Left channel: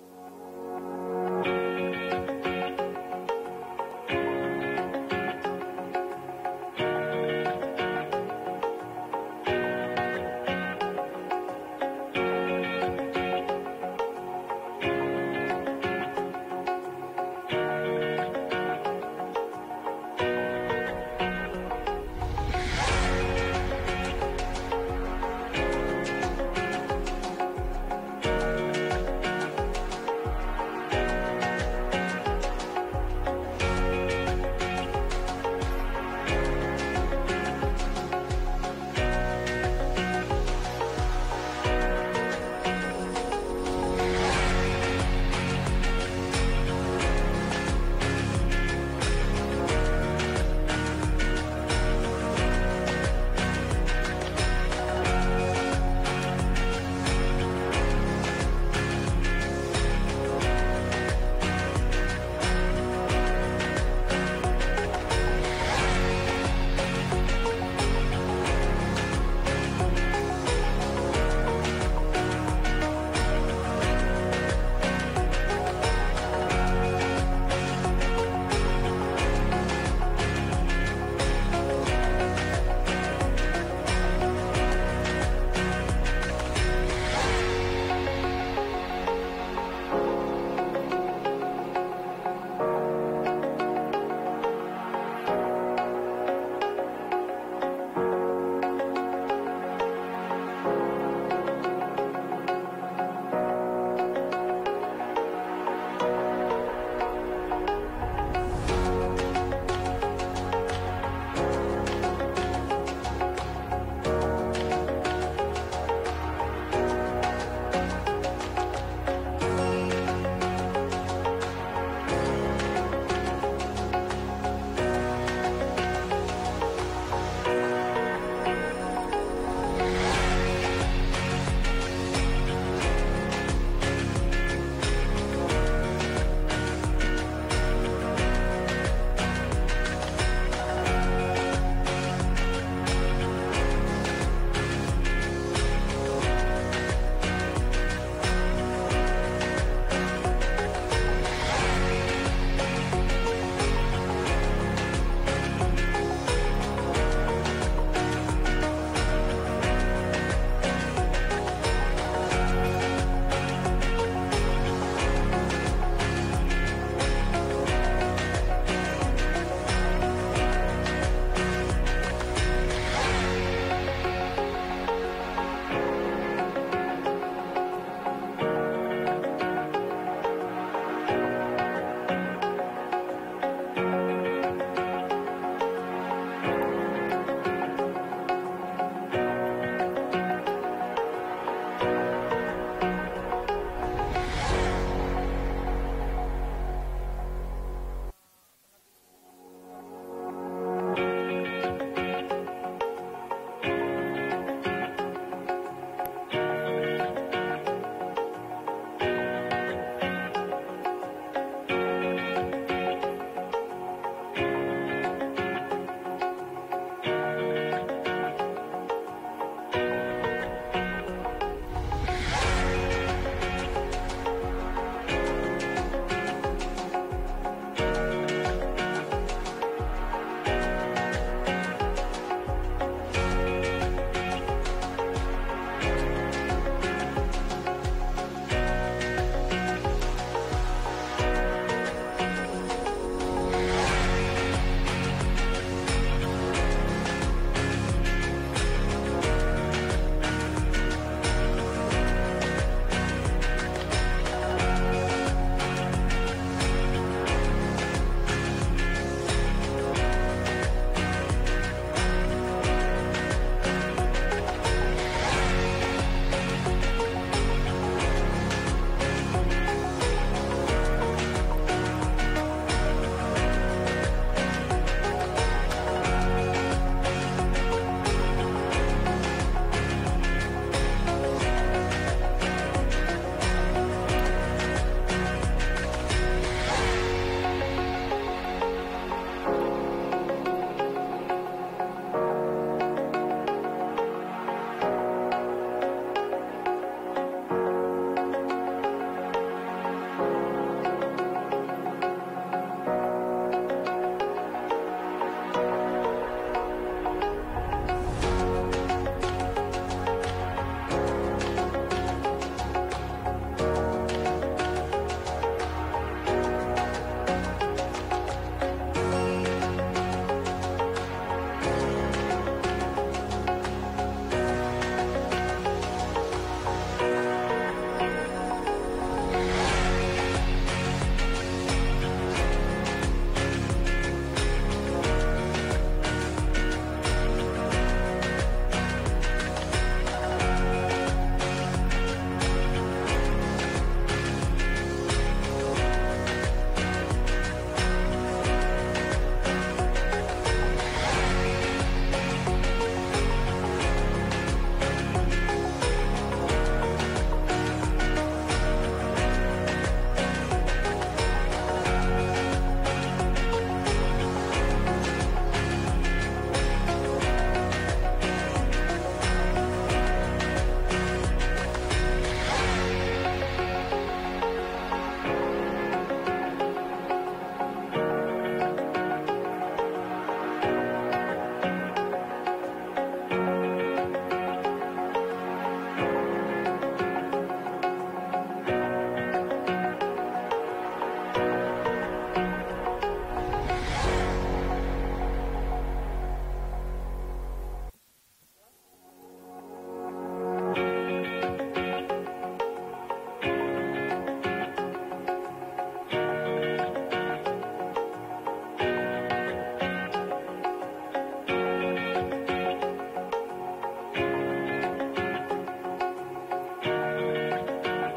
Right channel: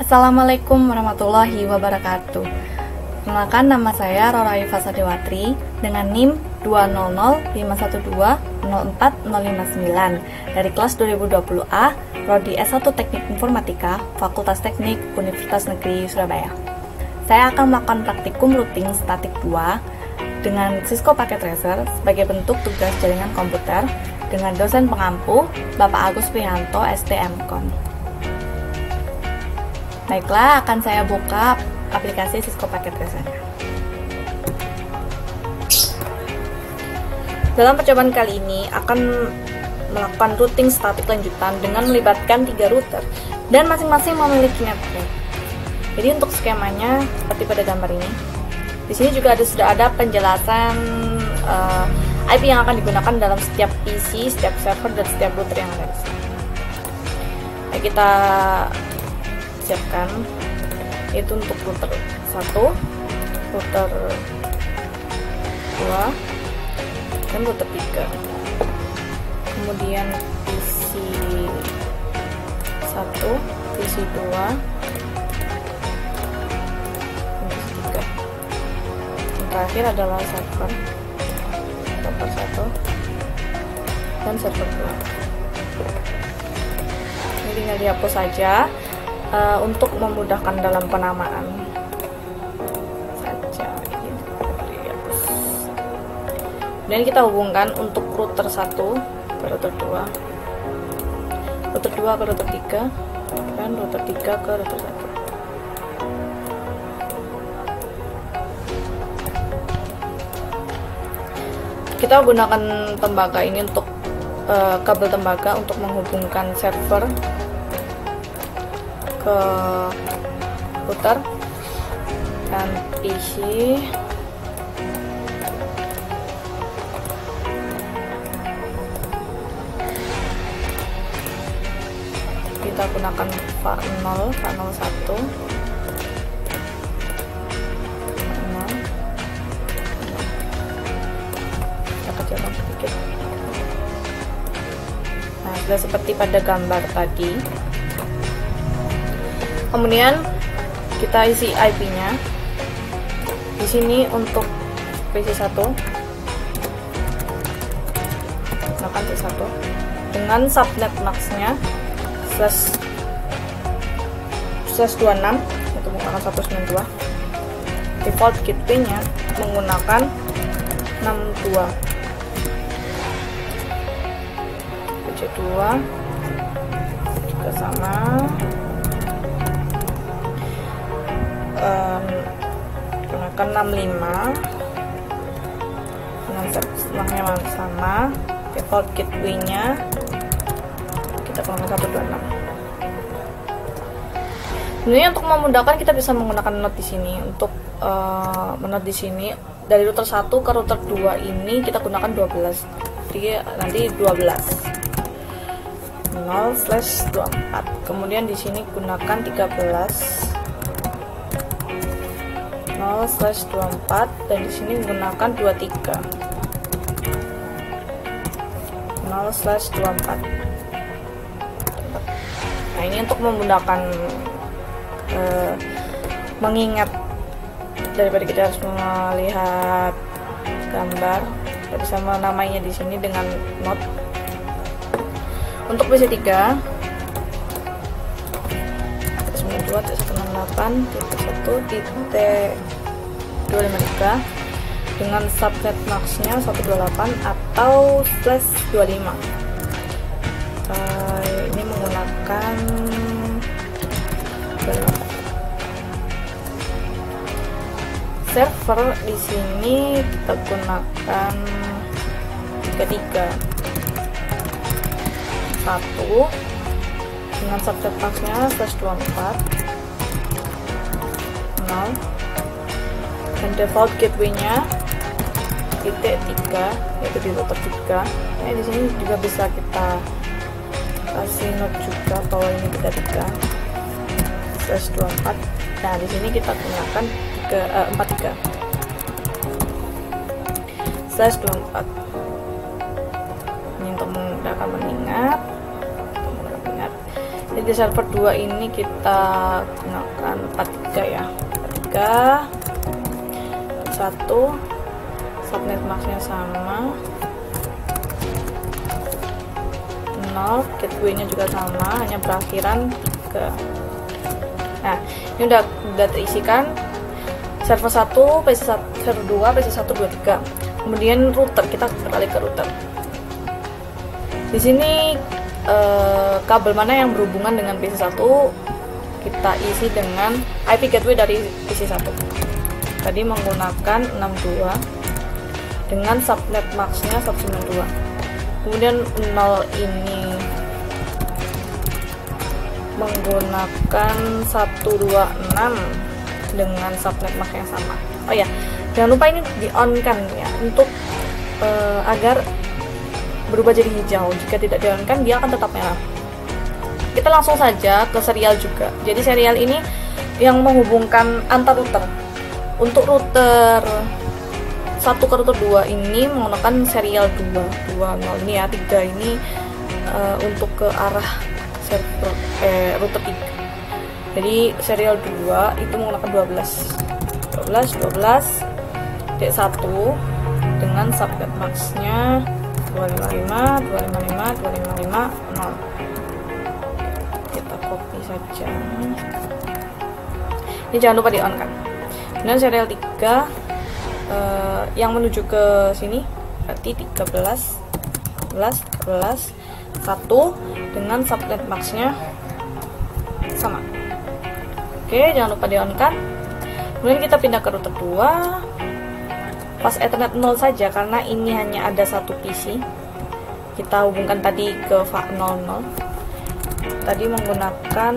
Assalamualaikum warahmatullahi wabarakatuh. Perkenalkan, nama saya Rora Iva Sadewatri dengan NIM 2005120404059 dari kelas 2020A, Prodi S1 Teknik Informatika, Fakultas Teknik Universitas Negeri Surabaya. Saya akan melakukan praktikum routing statik 2 dengan Cisco Packet Tracer sebagai bentuk tugas jaringan komputer dengan dosen pengampu Bapak Agus Prihanto, STMKOM. Baiklah, akan saya buka aplikasi Cisco Packet Tracer. Dalam percobaan kali ini akan melakukan routing statik lanjutan dengan melibatkan 3 router dan masing-masing memiliki network. Jadi untuk skemanya seperti pada gambar ini. Di sini juga sudah ada penjelasan IP yang akan digunakan dalam setiap PC, setiap server, dan setiap router yang ada. Nah, kita siapkan itu untuk router 1, router 2, dan router 3. Kemudian PC 1, PC 2, terakhir adalah server 1 dan server 2. Ini tinggal dihapus saja untuk memudahkan dalam penamaan. Dan kita hubungkan untuk router 1 ke router 2, router 2 ke router 3, dan router 3 ke router 1. Kita gunakan tembaga ini untuk kabel tembaga untuk menghubungkan server ke router dan PC kita gunakan VAR0, VAR01, seperti pada gambar tadi. Kemudian kita isi IP-nya. Di sini untuk PC1 8.1 dengan subnet max-nya /26 untuk menggunakan 192. Default gateway-nya menggunakan 62. Juga sama, gunakan 65 dengan subnetnya sama. Default gateway-nya kita gunakan 126. Sebenarnya untuk memudahkan kita bisa menggunakan note di sini. Untuk menot di sini dari router 1 ke router 2 ini kita gunakan 12. Jadi nanti 12 0/24. Kemudian di sini gunakan 13 0/24 dan di sini gunakan 23 0/24. Nah, ini untuk memudahkan mengingat daripada kita harus melihat gambar, kita bisa menamainya di sini dengan note. Untuk PC3 1.2.168.1.253 dengan subnet max-nya 128 atau /25. Ini menggunakan server. Di sini kita gunakan 3 1 dengan subnet max-nya /24 0 dan default gateway-nya titik 3 yaitu di router 3. Ini di sini juga bisa kita kasih note juga atau ini 33/24. Nah, di sini kita gunakan 43/24. Ini untuk memudahkan mengingat. Jadi server 2 ini kita gunakan 43 ya. 43 1 subnet maxnya sama 0, gateway-nya juga sama, hanya berakhiran 3. Nah, ini udah terisikan. Server 1, PC1, server 2, PC1, 2, 3. Kemudian router, kita balik ke router. Di sini kabel mana yang berhubungan dengan PC1 kita isi dengan IP gateway dari PC1. Tadi menggunakan 62 dengan subnet maxnya 192. Kemudian 0 ini menggunakan 126 dengan subnet max yang sama. Oh ya, jangan lupa ini di on kan ya, untuk agar berubah jadi hijau. Jika tidak di on kan dia akan tetap merah. Kita langsung saja ke serial juga. Jadi serial ini yang menghubungkan antar router. Untuk router 1 ke router 2 ini menggunakan serial 220 ini ya, 3 ini untuk ke arah server router 3. Jadi serial 2 itu menggunakan 12 D1 dengan subnet maxnya 255 0. Kita copy saja. Ini jangan lupa di on kan. Kemudian serial 3 yang menuju ke sini berarti 13 1 dengan subnet maxnya sama. Oke, jangan lupa di on kan. Kemudian kita pindah ke router 2, pas Ethernet 0 saja karena ini hanya ada satu PC. Kita hubungkan tadi ke VAC 00. Tadi menggunakan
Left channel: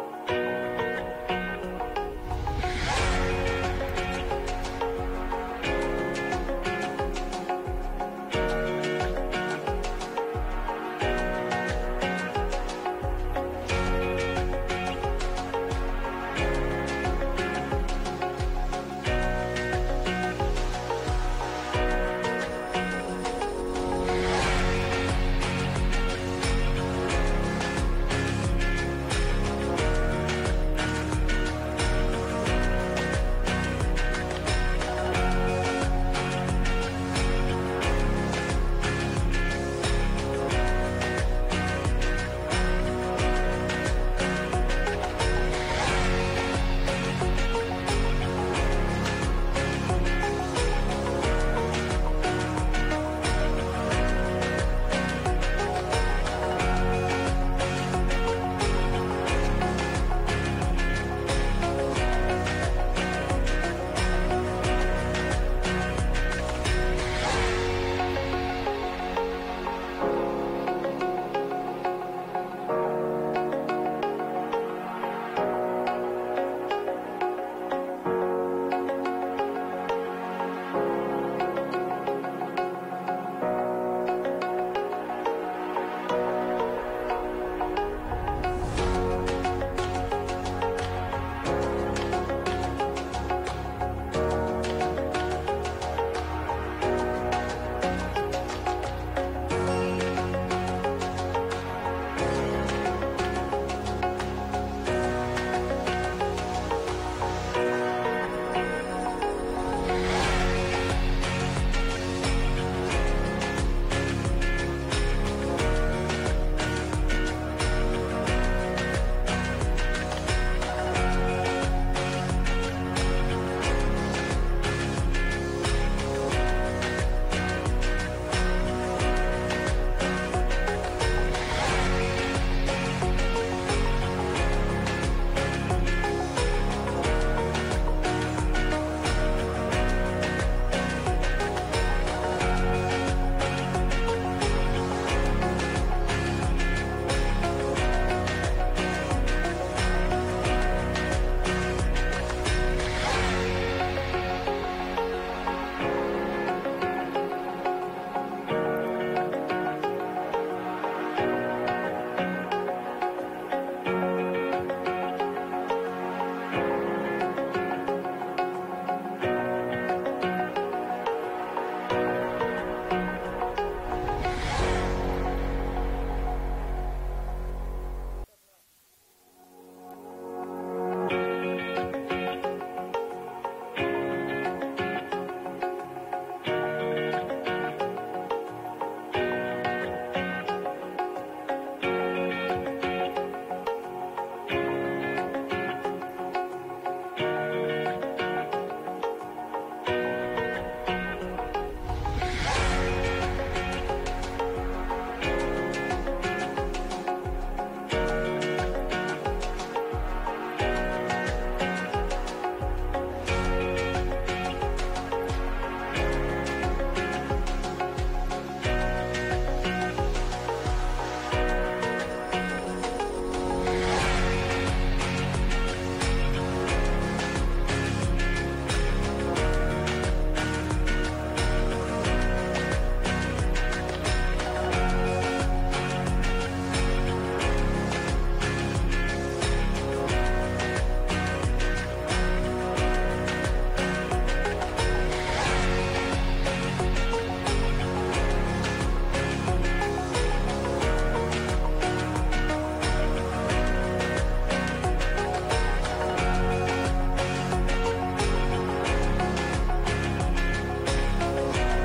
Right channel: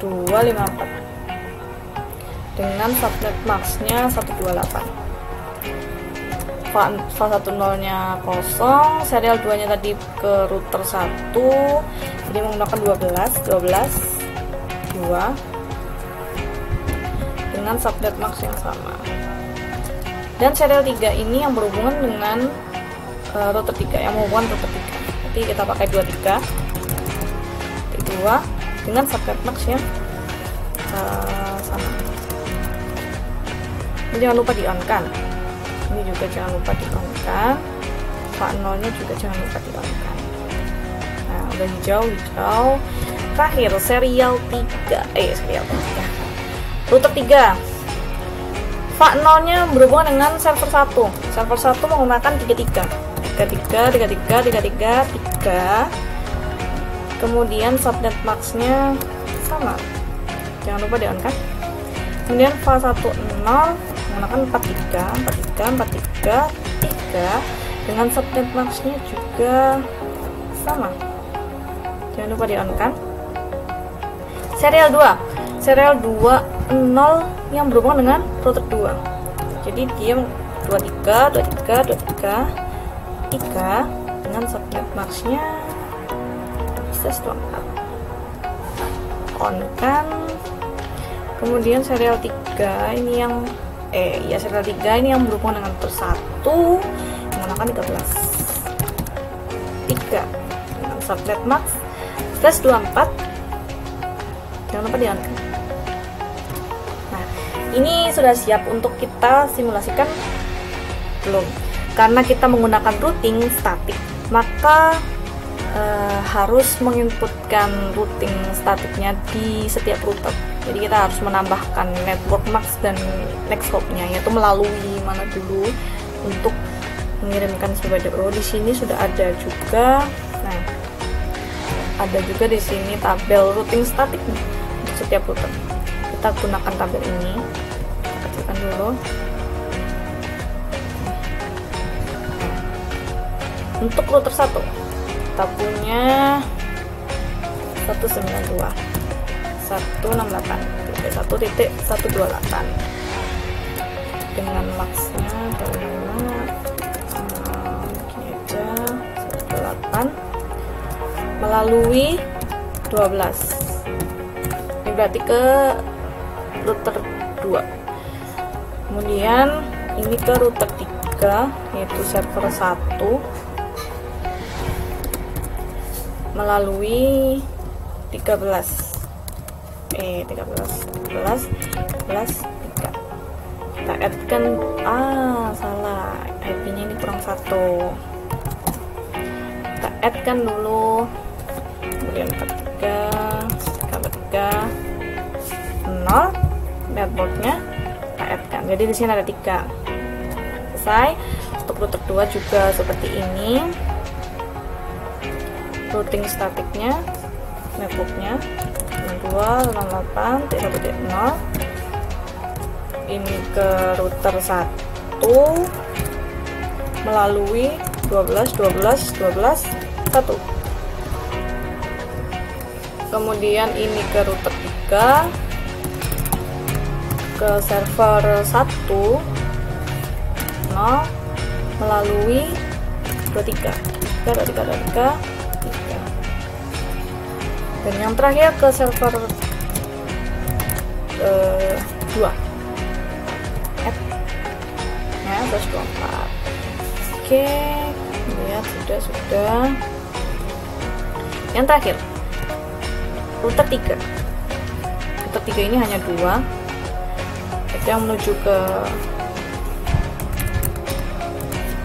254 dengan subnet maxnya 128. VAC 10 nya kosong, serial 2 nya tadi ke router 1, dia menggunakan 12 2 dengan subnet max yang sama. Dan serial 3 ini yang berhubungan dengan router 3, yang menghubungkan router 3. Jadi kita pakai 23 2 dengan subnet max yang sama. Ini jangan lupa di on kan. Ini juga jangan lupa di on kan. VAC 0 nya juga jangan lupa di on kan. Nah, udah hijau. Terakhir serial 3 router 3. VAC 0 nya berhubungan dengan server 1. Server 1 menggunakan 33. Kemudian subnet maxnya sama. Jangan lupa di on kan. Kemudian VAC 10 menggunakan 43 dengan subnet maxnya juga sama. Jangan lupa di on kan. Serial 2 yang berhubungan dengan router 2. Jadi dia 23 dengan subnet maxnya on kan. Kemudian serial 3 ini yang serial 3 ini yang berhubungan dengan router 1 menggunakan 3 dengan subnet max 24. Jangan lupa di on. Ini sudah siap untuk kita simulasikan? Belum, karena kita menggunakan routing statik, maka harus menginputkan routing statiknya di setiap router. Jadi kita harus menambahkan network max dan nexthope-nya, yaitu melalui mana dulu untuk mengirimkan sebagai di sini sudah ada juga. Nah, ada juga di sini tabel routing statiknya setiap router. Kita gunakan tabel ini. Tekan dulu. Untuk router 1, tabelnya 192 168 1.128 dengan maxnya 128 melalui 12. Ini berarti ke router 2. Kemudian ini ke router 3, yaitu server 1 melalui 13 kita add kan, salah, IP-nya ini kurang 1, kita add kan dulu, kemudian 43 0 networknya kita add kan, jadi di sini ada 3. Selesai. Untuk router 2 juga seperti ini, routing statiknya, networknya 2.8.1.0 ini ke router 1 melalui 12.12.12.1. Kemudian ini ke router 3 ke server 1 melalui 23. Dan yang terakhir ke server 2. Nah, 24. Oke, lihat sudah. Yang terakhir router 3. Router 3 ini hanya 2. Yang menuju ke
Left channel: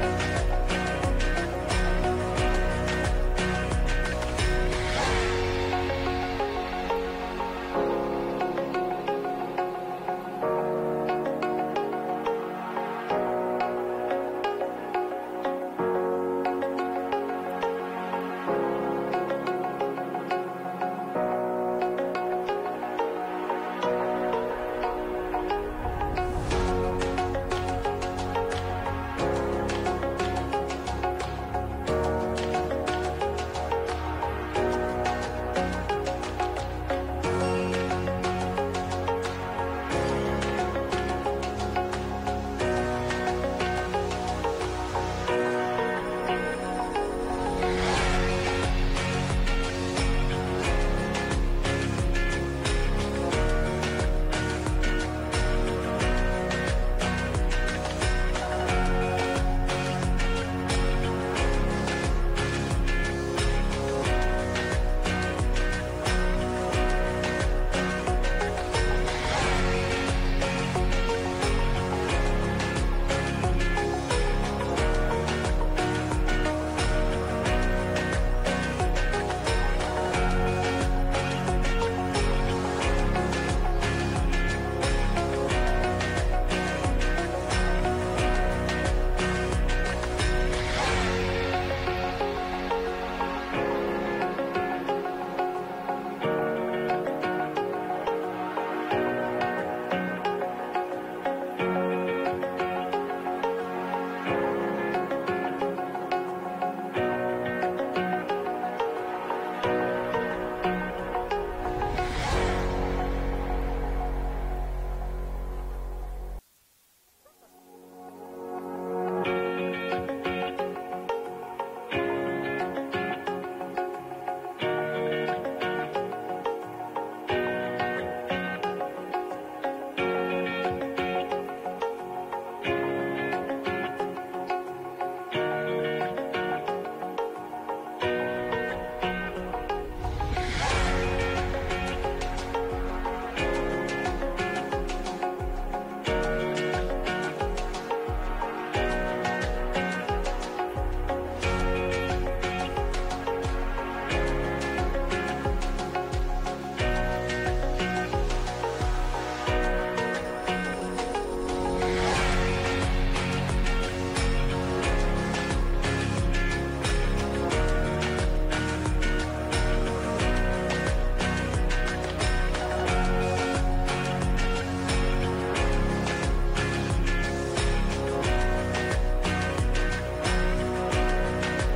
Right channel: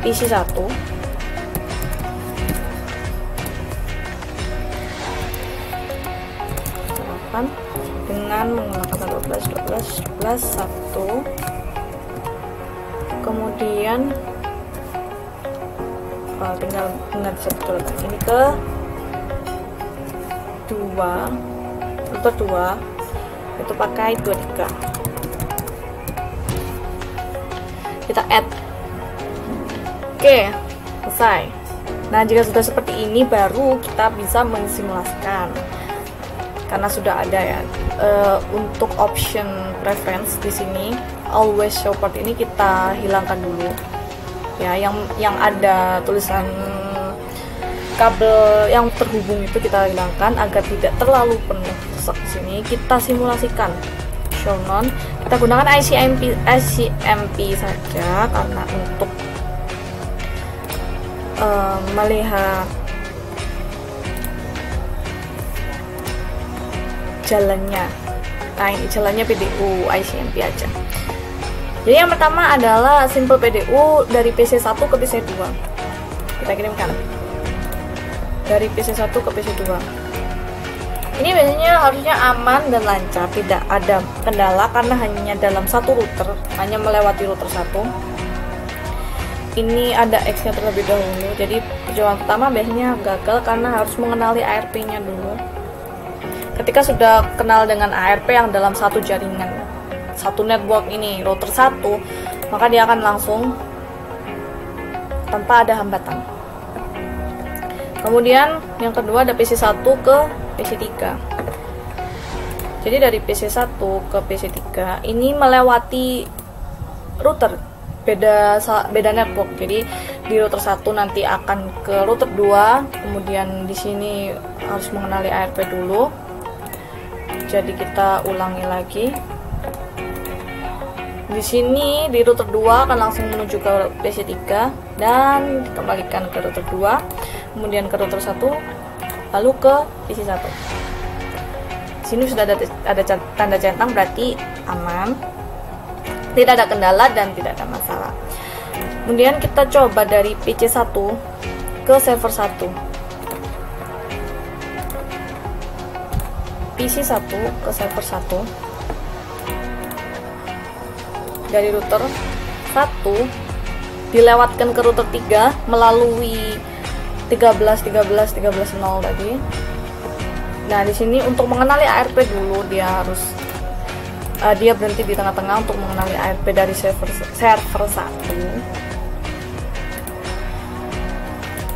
PC 1 dengan menggunakan 12.12.12.1. Kemudian tinggal benar betul ini ke 2, router 2 itu pakai 23. Kita add. Oke, selesai. Nah, jika sudah seperti ini baru kita bisa mensimulasikan, karena sudah ada ya. Untuk option preference di sini always show port ini kita hilangkan dulu ya, yang ada tulisan kabel yang terhubung itu kita hilangkan agar tidak terlalu penuh. Di sini kita simulasikan show none, kita gunakan ICMP saja karena untuk melihat jalannya. Nah, ini jalannya PDU ICMP aja. Jadi yang pertama adalah simple PDU dari PC 1 ke PC 2. Kita kirimkan dari PC 1 ke PC 2. Ini biasanya harusnya aman dan lancar, tidak ada kendala karena hanya dalam satu router, hanya melewati router 1. Ini ada X-nya terlebih dahulu, jadi percobaan pertama biasanya gagal karena harus mengenali ARP-nya dulu. Ketika sudah kenal dengan ARP yang dalam satu jaringan, satu network ini, router 1, maka dia akan langsung tanpa ada hambatan. Kemudian yang kedua ada PC 1 ke PC 3. Jadi dari PC 1 ke PC 3 ini melewati router, beda network. Jadi di router 1 nanti akan ke router 2, kemudian di sini harus mengenali ARP dulu. Jadi kita ulangi lagi. Di sini di router 2 akan langsung menuju ke PC 3 dan dikembalikan ke router 2, kemudian ke router 1, lalu ke PC 1. Di sini sudah ada tanda centang, berarti aman, tidak ada kendala dan tidak ada masalah. Kemudian kita coba dari PC 1 ke server 1. PC 1 ke server 1 dari router 1 dilewatkan ke router 3 melalui 13.0 tadi. Nah, di sini untuk mengenali ARP dulu dia harus dia berhenti di tengah-tengah untuk mengenali ARP dari server 1.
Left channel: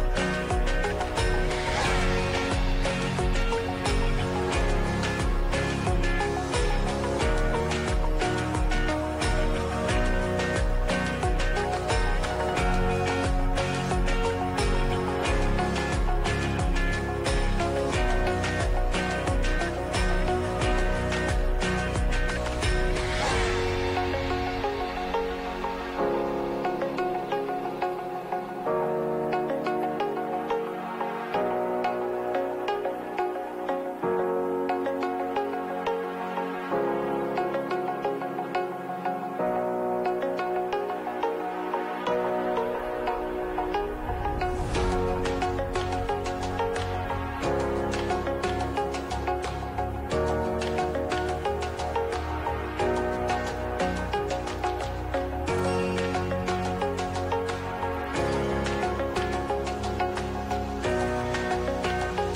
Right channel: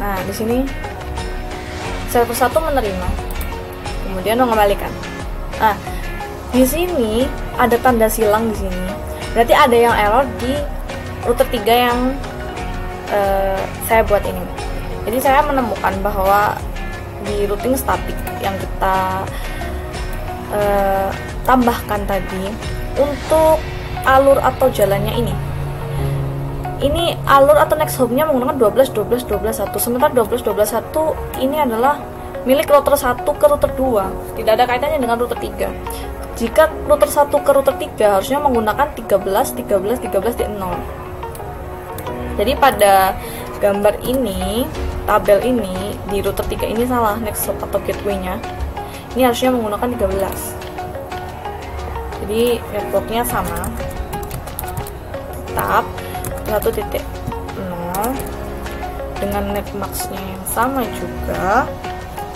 Nah, di sini server 1 menerima, kemudian mengembalikan. Nah, di sini ada tanda silang di sini. Berarti ada yang error di router 3 yang saya buat ini. Jadi saya menemukan bahwa di routing statik yang kita tambahkan tadi untuk alur atau jalannya ini alur atau next hop-nya menggunakan 12.12.12.1, sementara 12.12.1 ini adalah milik router 1 ke router 2, tidak ada kaitannya dengan router 3. Jika router 1 ke router 3 harusnya menggunakan 13 di 0. Jadi pada gambar ini, tabel ini di router 3 ini salah, next hop atau gateway-nya. Ini harusnya menggunakan 13. Jadi networknya sama. Tetap 1.0 dengan netmax-nya yang sama juga,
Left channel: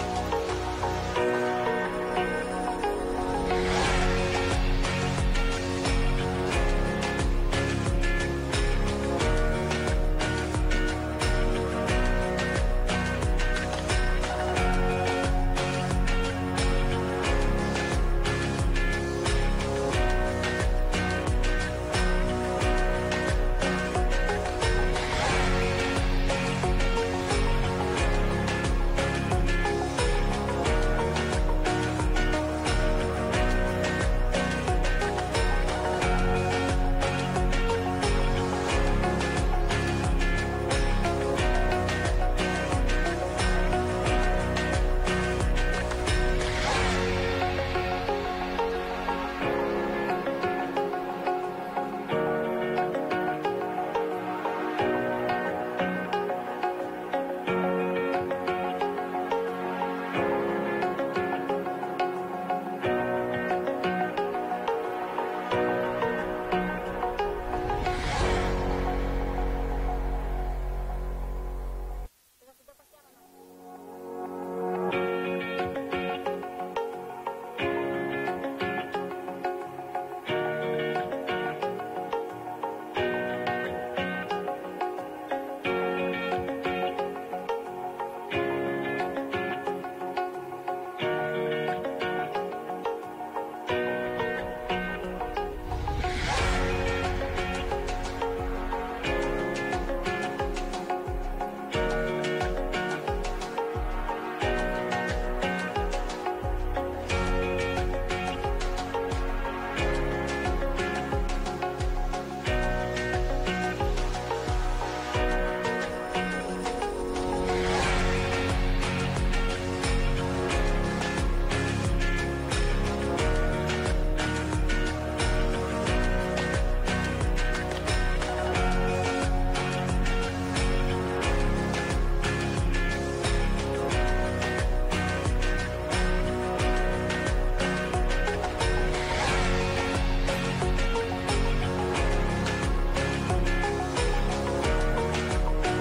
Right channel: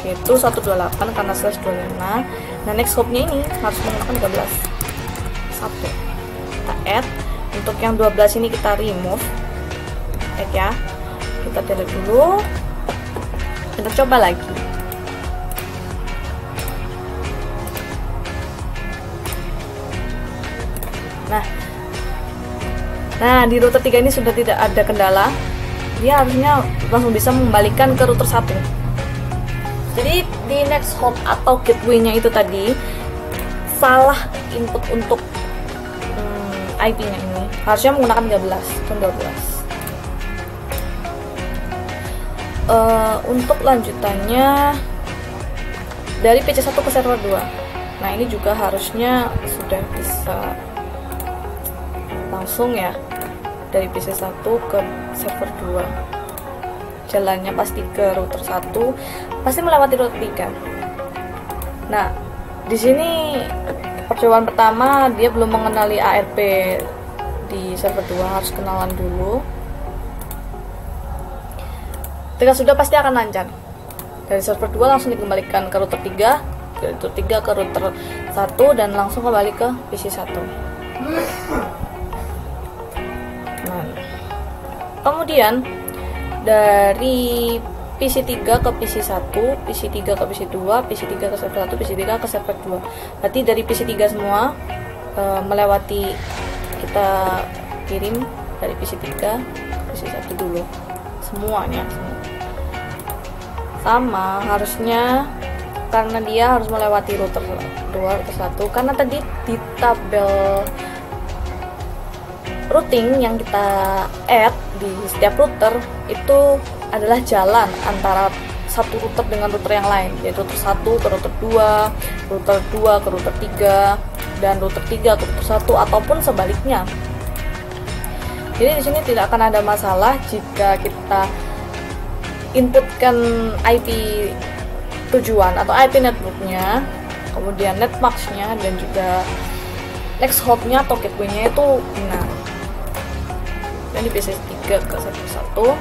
yaitu 128 karena /25. Nah, next hop-nya ini harus menggunakan 13. 1. Kita add. Untuk yang 12 ini kita remove. Ya, kita delete dulu, kita coba lagi. Nah, di router 3 ini sudah tidak ada kendala, dia harusnya langsung bisa mengembalikan ke router 1. Jadi di next hop atau gateway-nya itu tadi salah input untuk IP-nya ini, harusnya menggunakan 13 dan 12. Untuk lanjutannya dari PC1 ke server 2. Nah, ini juga harusnya sudah bisa langsung ya, dari PC1 ke server 2. Jalannya pasti ke router 1, pasti melewati router 3. Nah, di sini percobaan pertama dia belum mengenali ARP di server 2, harus kenalan dulu. Ketika sudah pasti akan lancar. Dari server 2 langsung dikembalikan ke router 3, dari router 3 ke router 1 dan langsung kembali ke PC1. Nah, kemudian dari PC3 ke PC1, PC3 ke PC2, PC3 ke server 1, PC3 ke server 2. Berarti dari PC3 semua melewati, kita kirim dari PC3 PC1 dulu semuanya. Sama harusnya, karena dia harus melewati router 2, router 1, karena tadi di tabel routing yang kita add di setiap router itu adalah jalan antara satu router dengan router yang lain, yaitu router 1 ke router 2, router 2 ke router 3, dan router 3 ke router 1, ataupun sebaliknya. Jadi di sini tidak akan ada masalah jika kita inputkan IP tujuan atau IP networknya, kemudian netmax-nya dan juga next hop-nya atau gateway-nya itu benar. Jadi PC3 ke server 1,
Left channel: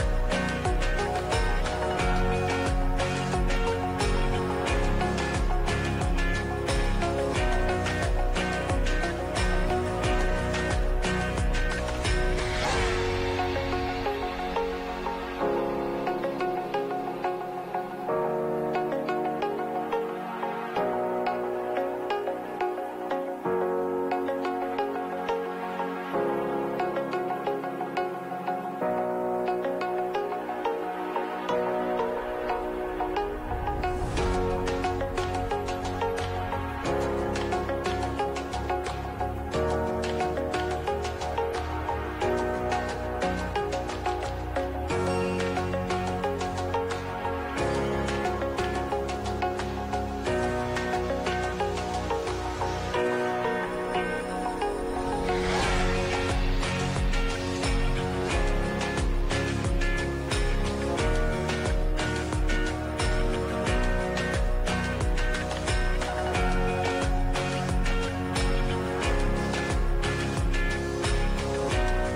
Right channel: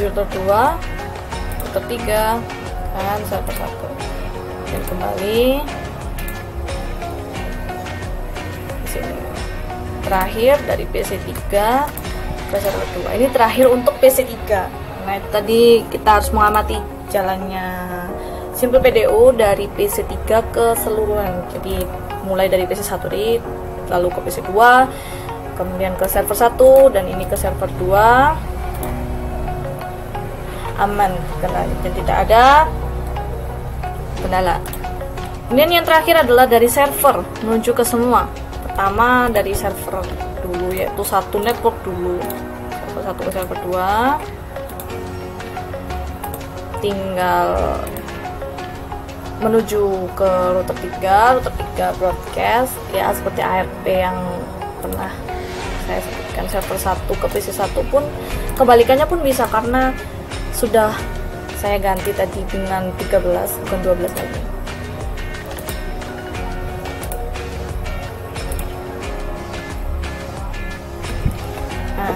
router 2, router 3, dan server 1. Jadi kembali. Terakhir dari PC3 ke server 2. Ini terakhir untuk PC3. Nah, tadi kita harus mengamati jalannya Simple PDO dari PC3 ke seluruhan. Jadi mulai dari PC1 lalu ke PC2, kemudian ke server 1, dan ini ke server 2. Aman, jadi tidak ada kendala. Kemudian yang terakhir adalah dari server menuju ke semua. Pertama dari server dulu, yaitu satu network dulu, server 1 ke server 2. Tinggal menuju ke router 3 broadcast ya, seperti ARP yang pernah saya sebutkan. Server 1 ke PC1 pun kebalikannya pun bisa, karena sudah saya ganti tadi dengan 13 bukan 12 lagi. Nah,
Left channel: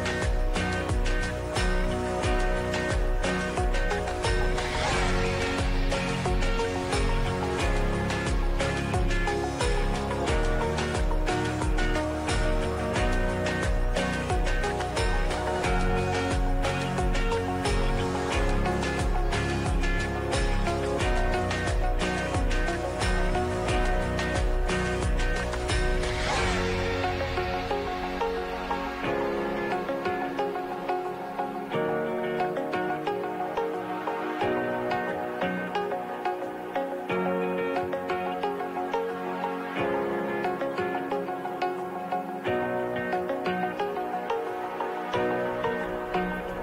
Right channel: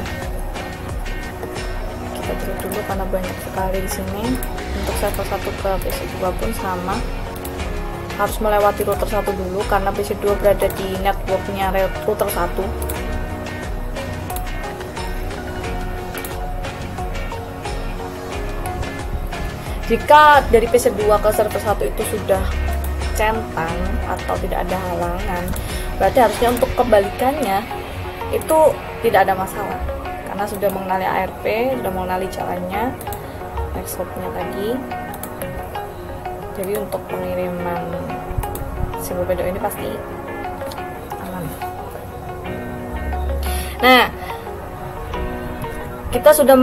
kita tutup dulu karena banyak sekali di sini. Untuk server 1 ke PC2 pun sama, harus melewati router 1 dulu karena PC2 berada di networknya router 1. Jika dari PC2 ke server 1 itu sudah centang atau tidak ada halangan, berarti harusnya untuk kebalikannya itu tidak ada masalah, karena sudah mengenali ARP, sudah mengenali jalannya, next hop-nya tadi. Jadi untuk pengiriman Simple PDO ini pasti aman. Nah, kita sudah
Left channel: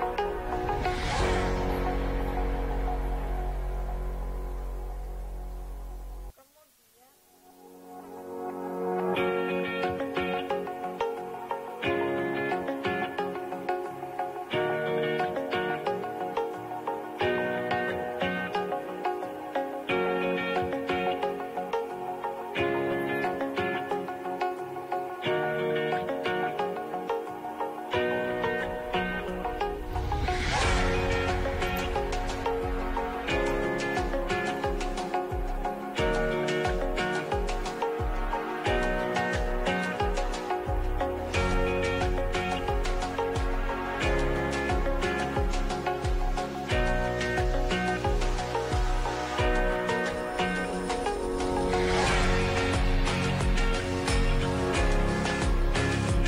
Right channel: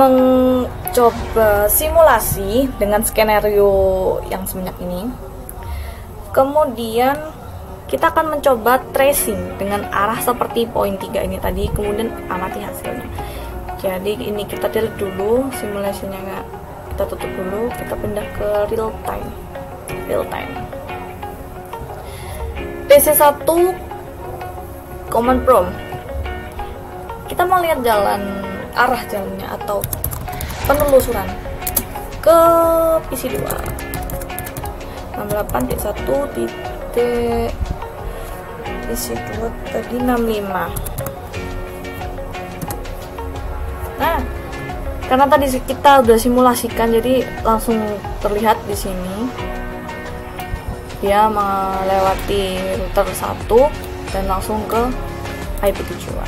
coba simulasi dengan skenario yang sebanyak ini. Kemudian kita akan mencoba tracing dengan arah seperti poin 3 ini tadi, kemudian amati hasilnya. Jadi ini kita delete dulu simulasinya, kita tutup dulu, kita pindah ke real time. PC1 command prompt. Kita mau lihat arah jalannya atau penelusuran ke PC2 68.1 titik PC2 tadi 65. Nah, karena tadi kita udah simulasikan, jadi langsung terlihat di sini dia melewati router 1 dan langsung ke IP tujuan.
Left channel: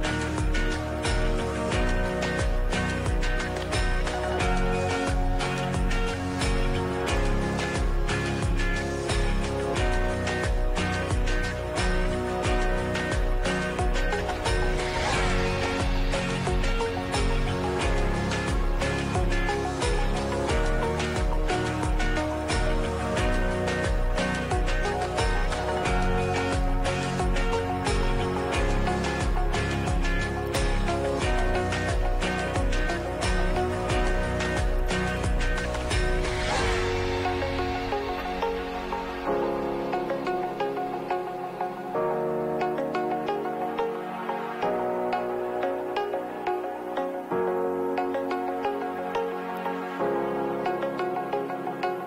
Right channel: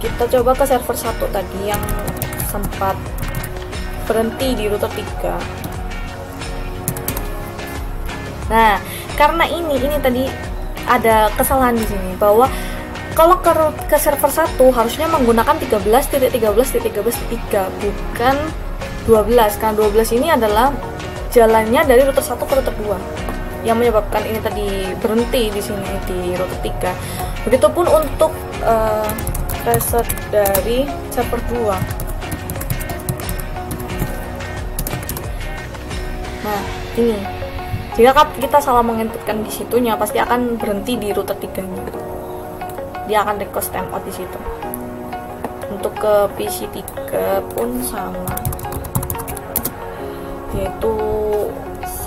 Kita coba ke server 1 tadi yang sempat berhenti di router 3. Nah, karena ini tadi ada kesalahan di sini bahwa kalau ke server 1 harusnya menggunakan 13.13.13.3 bukan 12, karena 12 ini adalah jalannya dari router 1 ke router 2 yang menyebabkan ini tadi berhenti di sini di router 3. Begitupun untuk reset dari server 2. Nah, ini jika kita salah menginputkan di situnya, pasti akan berhenti di router 3-nya. Dia akan request timeout di situ. Untuk ke PC 3 pun sama, yaitu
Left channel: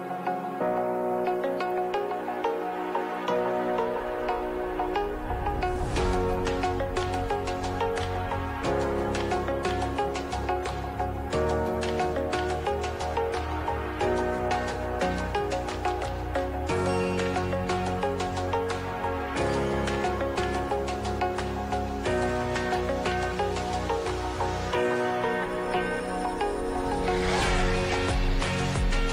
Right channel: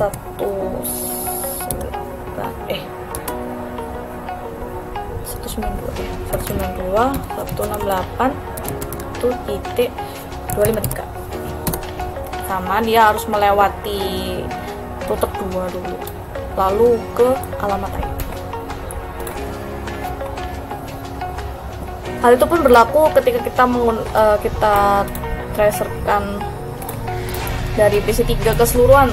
192.168.253 sama, dia harus melewati router 2 dulu lalu ke alamat IP. Hal itu pun berlaku ketika kita tracerkan dari PC 3 keseluruhan.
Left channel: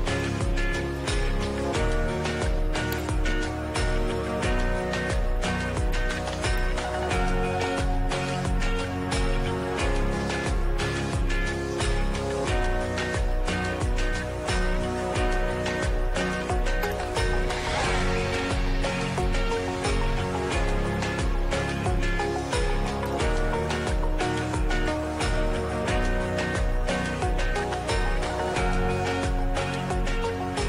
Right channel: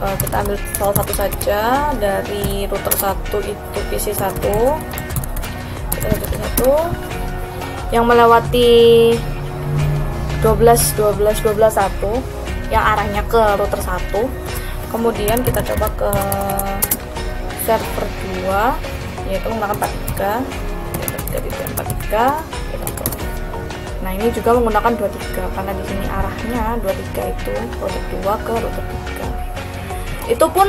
Kita ambil salah satu saja dari router 1 itu PC 1 yang melewati 12.1 yang arahnya ke router 1. Kemudian kita coba ke server 2 yaitu menggunakan 43. Nah, ini juga menggunakan 23 karena di sini arahnya 23 itu router 2 ke router 3. Itu pun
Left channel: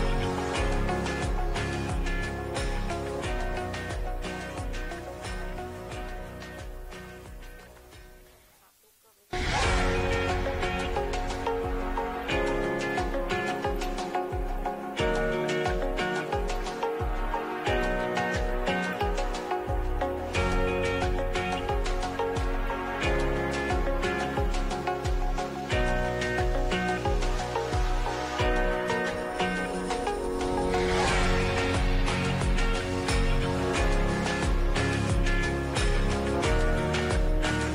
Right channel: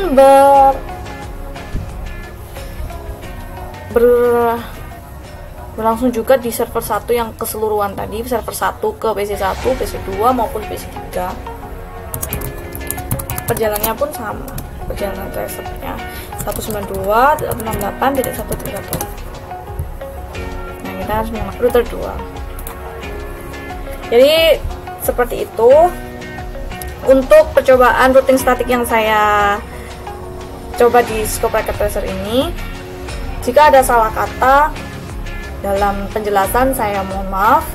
berlangsung juga di server 1 yang keseluruhan tadi, server 1 ke PC1, PC2 maupun PC3. Perjalanannya pun sama, perjalanan tracernya 192.168.132. Nah, kita harus menggunakan router 2. Jadi seperti itu untuk percobaan routing statik yang saya coba di Scope Record Tracer ini. Jika ada salah kata dalam penjelasan, saya mohon maaf.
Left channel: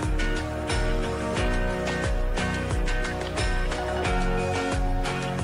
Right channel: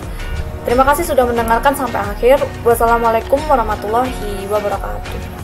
Terima kasih sudah mendengarkan sampai akhir. Wassalamualaikum warahmatullahi wabarakatuh.